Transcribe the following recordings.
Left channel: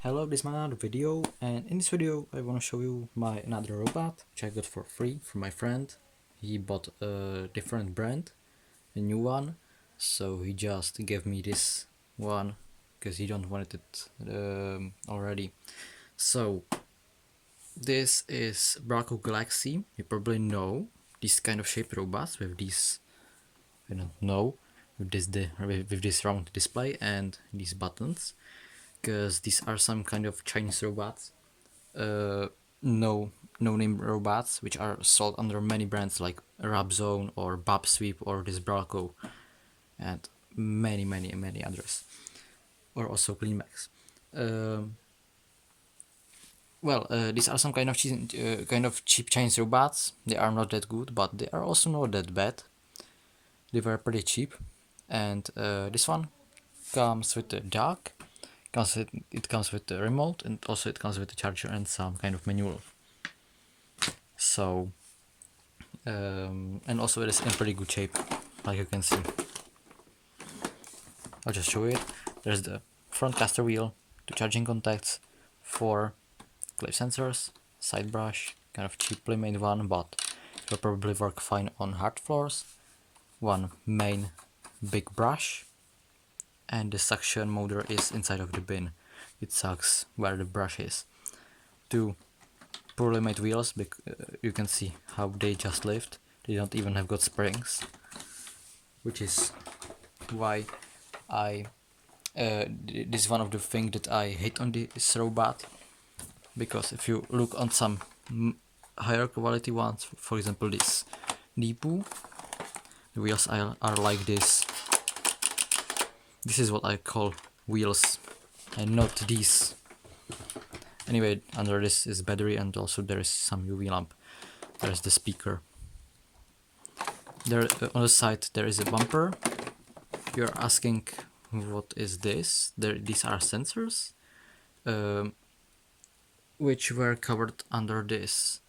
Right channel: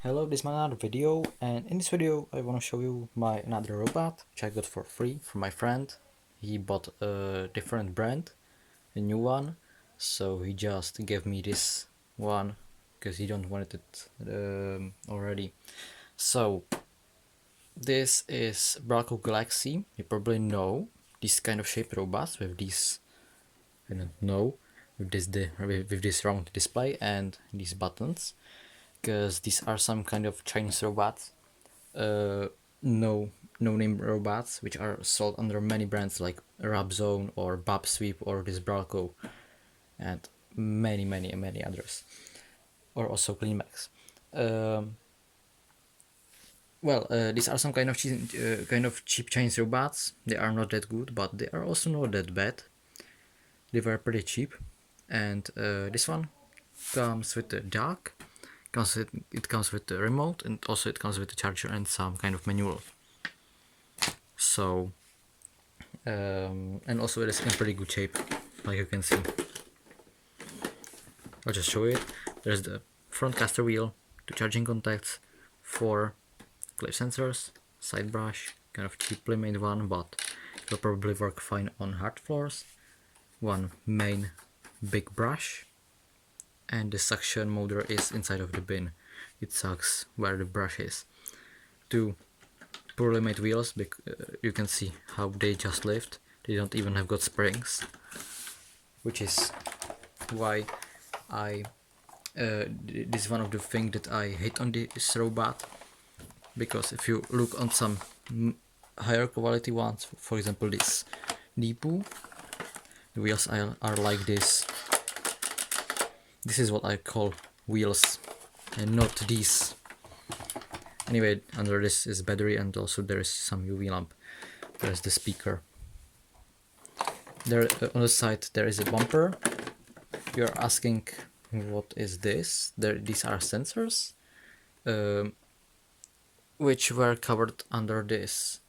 Hello, this is my another video, and in this video I want to show you my another robot which I got for free from my friend. He bought a different brand, a new one, so he just gave me this one because he don't wanted it already. So this is Bralko Galaxy. You probably know this kind of shaped robots with these, I don't know, with this round display and these buttons, because these are some kind of Chinese robots, no name robots which are sold under many brands like Rabzone or Bob Sweep or this Bralko and many others, or also CleanMax. These are some kind of cheap Chinese robots. They are not that good, but they are also not that bad. They were pretty cheap, and this one comes with the dock. It comes with the remote, and also it comes with the charger and some kind of manual. So, and also it is in pretty good shape, like you can see. I'll just show it. There's the front caster wheel, two charging contacts, 4 clip sensors, side brush, kind of cheaply made one, but it will probably work fine on hard floors, one main big brush, and the suction motor is inside of the bin. It sucks where the brush is. 2 poorly made wheels, you can see how they just lift. They don't even have got springs, which is why this is one of the things that I hate on this robot, because if you look on some higher quality ones, for example this Deepoo, the wheels are like this. This is what I call wheels and not these. Anyway, under this is battery, and also there is some UV lamp. There's the speaker. There on the side there is a bumper. You're asking what is this? These are sensors, which were covered under this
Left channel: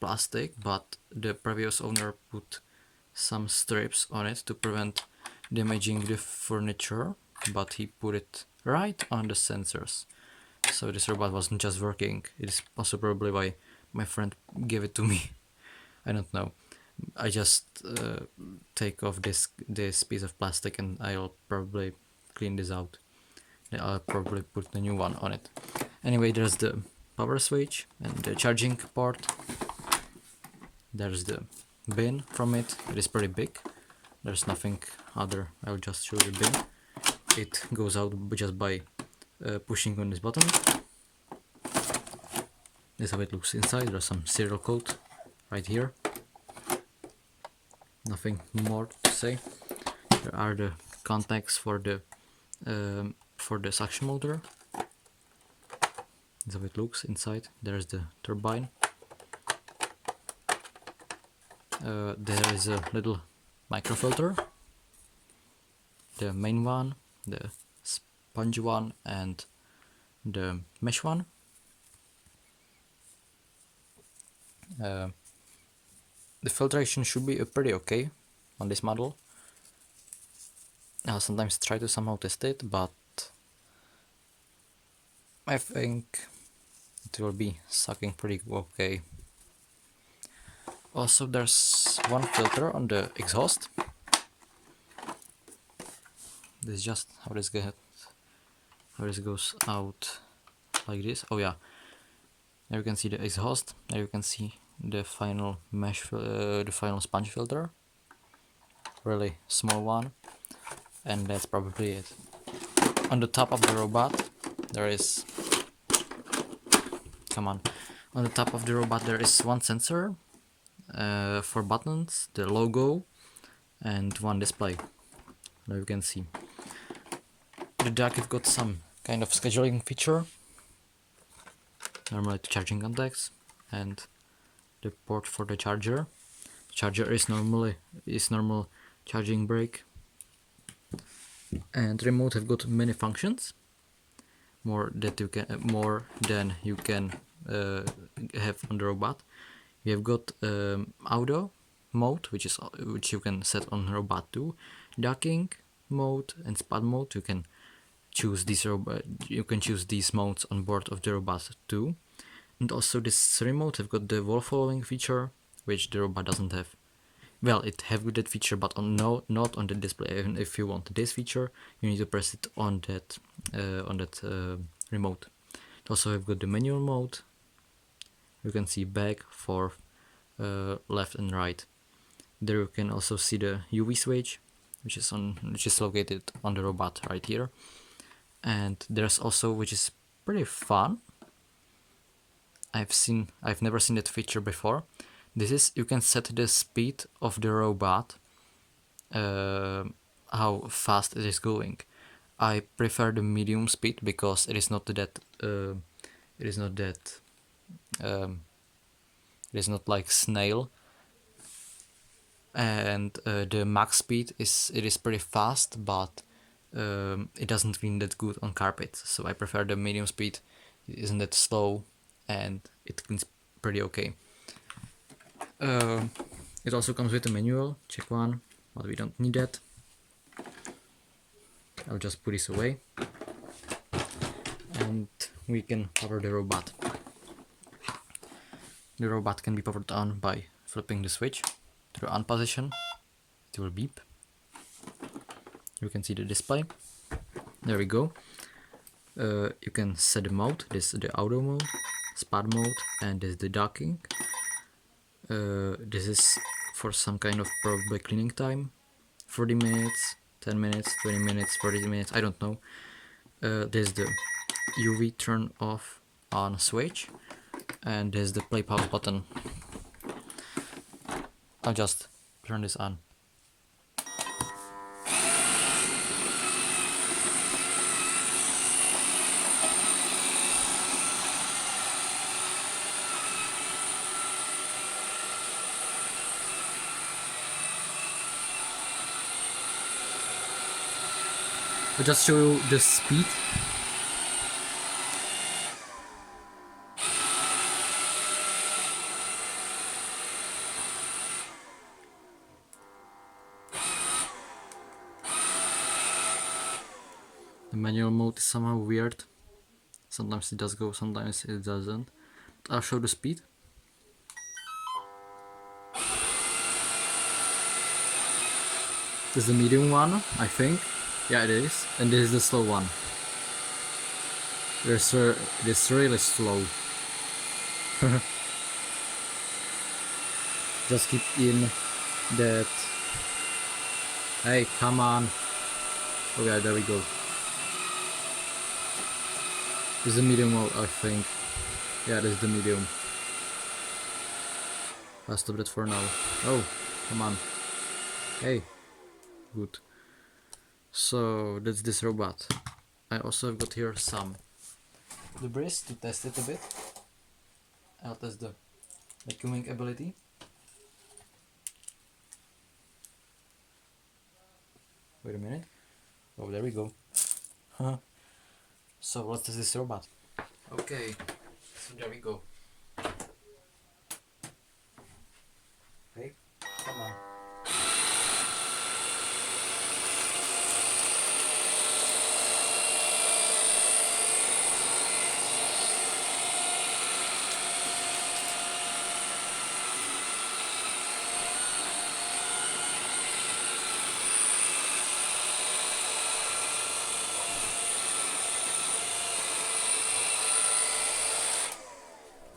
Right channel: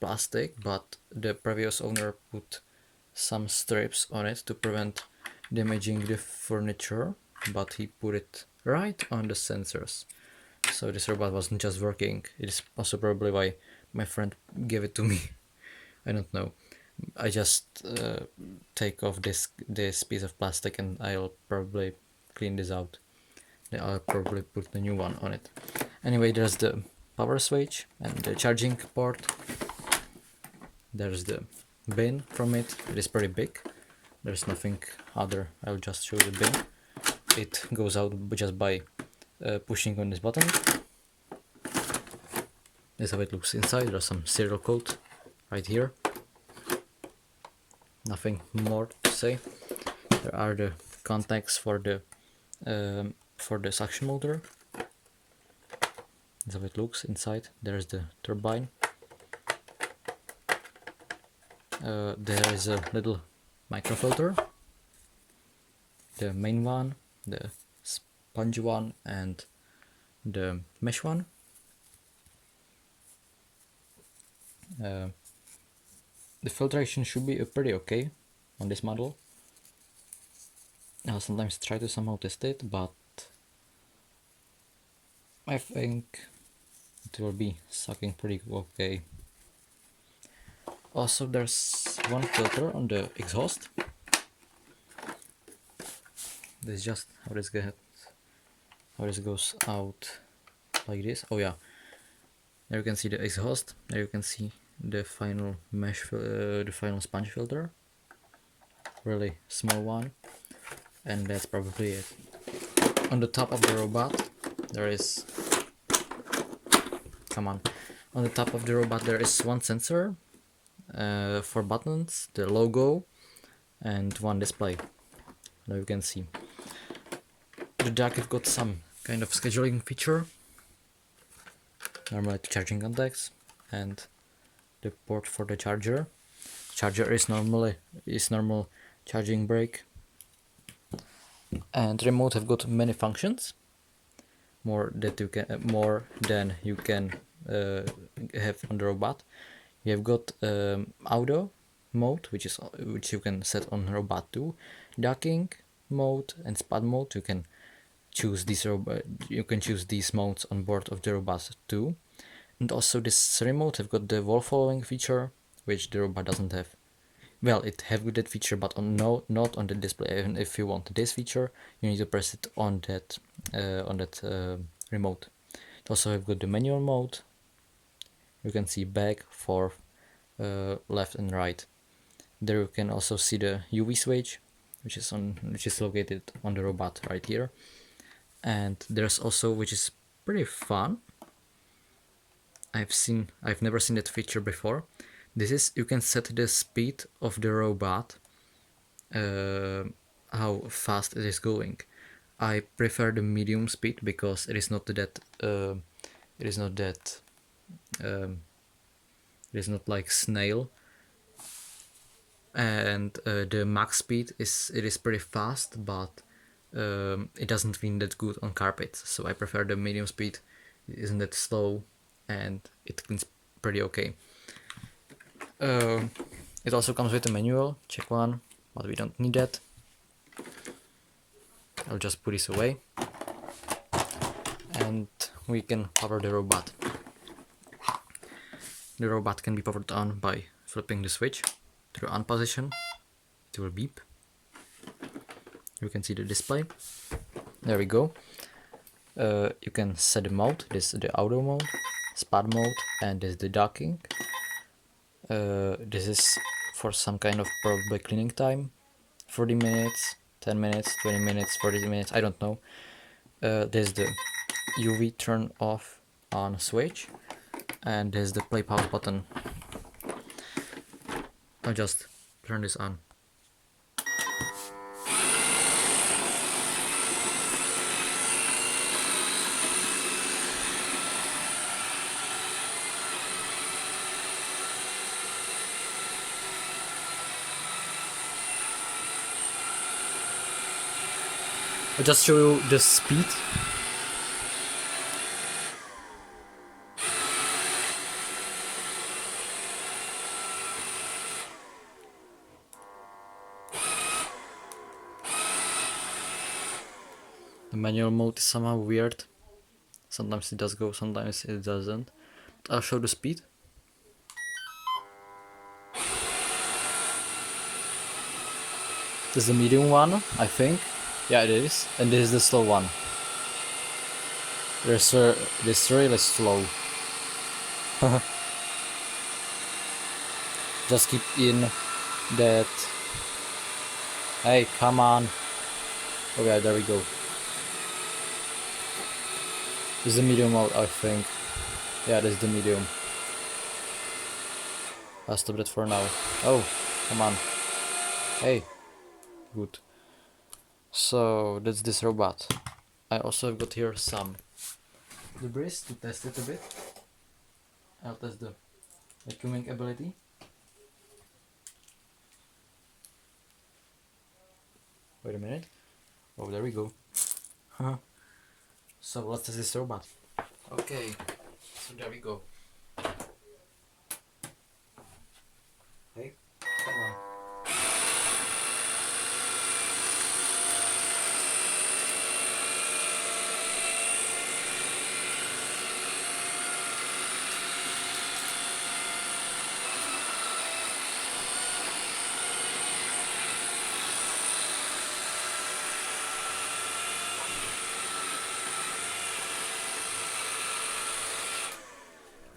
plastic, but the previous owner put some strips on it to prevent damaging the furniture, but he put it right on the sensors. So this robot wasn't just working. It is also probably why my friend gave it to me. I don't know. I just take off this piece of plastic and I'll probably clean this out. Then I'll probably put the new one on it. Anyway, there's the power switch and the charging port. There's the bin from it. It is pretty big. There's nothing other. I'll just show you the bin. It goes out just by pushing on this button. This is how it looks inside. There's some serial code right here. Nothing more to say. There are the contacts for the suction motor. This is how it looks inside. There's the turbine. There is a little microfilter. The main one, the sponge one, and the mesh one. The filtration should be pretty okay on this model. I'll sometimes try to somehow test it, but I think it will be sucking pretty okay. Also, there's one filter on the exhaust. This is just how this goes out, like this. Oh yeah, there you can see the exhaust. There you can see the final the final sponge filter, really small one, and that's probably it. On the top of the robot there is, on the top of the robot there is one sensor, 4 buttons, the logo, and one display. Now you can see the dock has got some kind of scheduling feature, normally the charging contacts, and the port for the charger. Charger is normal charging brick, and remote have got many functions, more than you can have on the robot. You have got auto mode, which you can set on robot 2, docking mode and spot mode. You can choose these modes on board of the robot too. And also this remote have got the wall following feature, which the robot doesn't have. Well, it have that feature, but not on the display. Even if you want this feature, you need to press it on that remote. It also have got the manual mode. You can see back, forth, left and right. There you can also see the UV switch, which is located on the robot right here. And there's also, which is pretty fun, I've never seen that feature before. This is, you can set the speed of the robot, how fast it is going. I prefer the medium speed because it is not like snail. And the max speed is pretty fast, but it doesn't clean that good on carpet. So I prefer the medium speed. It isn't that slow, and it cleans pretty okay. It also comes with a manual, check one, but we don't need that. I'll just put this away, and we can power the robot. The robot can be powered on by flipping the switch to the on position. It will beep. You can see the display. There we go. You can set the mode. This is the auto mode, spot mode, and this is the docking. This is for some kind of probably cleaning time. 40 minutes, 10 minutes, 20 minutes, 40 minutes, I don't know. This is the UV turn off on switch, and there's the play pause button. I'll just turn this on. I'll just show you the speed. The manual mode is somehow weird. Sometimes it does go, sometimes it doesn't. But I'll show the speed. This is the medium one, I think. Yeah, it is. And this is the slow one. This really slow. Just keep in that. Hey, come on. Oh yeah, there we go. This is the medium mode, I think. Yeah, this is the medium. I'll stop it for now. Oh, come on. Hey. Good. So that's this robot. I also have got here some debris to test it a bit. I'll test the vacuuming ability. Wait a minute. Oh, there we go. So let's test this robot. Okay, so there we go. Hey, come on.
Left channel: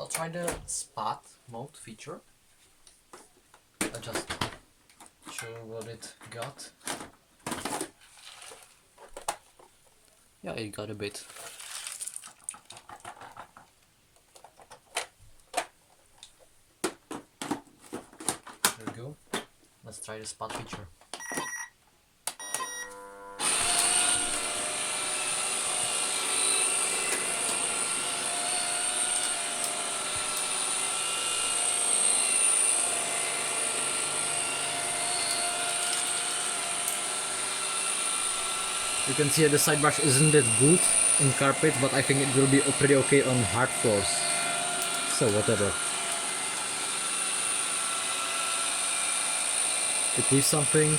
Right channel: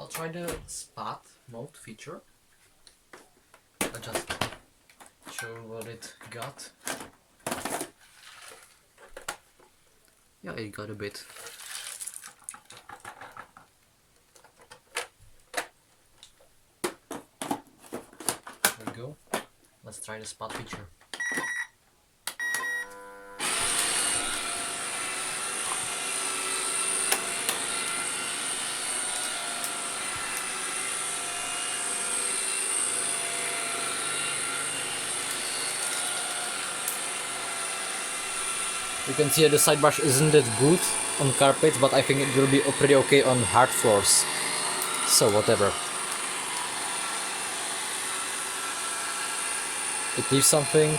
I'll try the spot mode feature. I'll just show what it got. Yeah, it got a bit. There we go. Let's try the spot feature. You can see that the side brush isn't that good on carpet, but I think it will be pretty okay on hard floors. So whatever. It leaves something.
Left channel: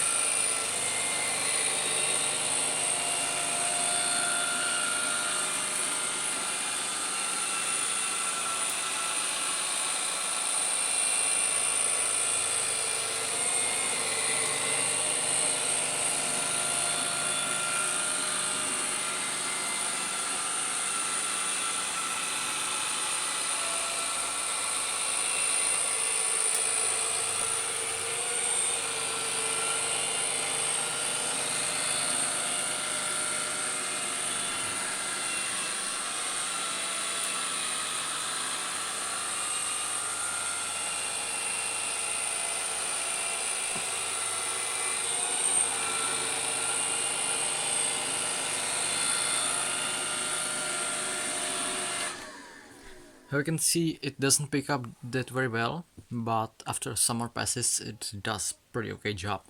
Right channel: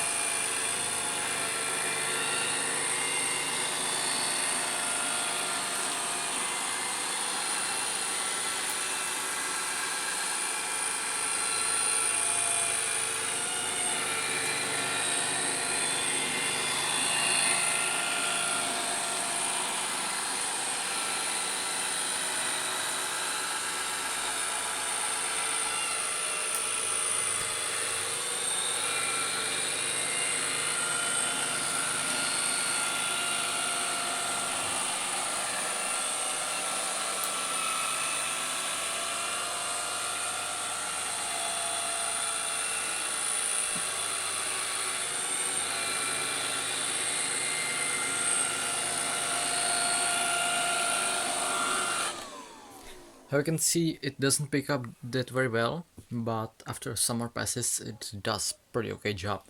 How you can see, it doesn't pick up that very well, but after some more passes it does pretty okay job.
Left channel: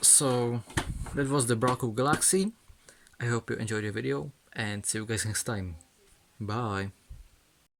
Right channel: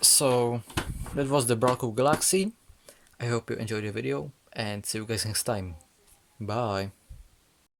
So that was the Bralko Galaxy. I hope you enjoyed the video and see you guys next time. Bye.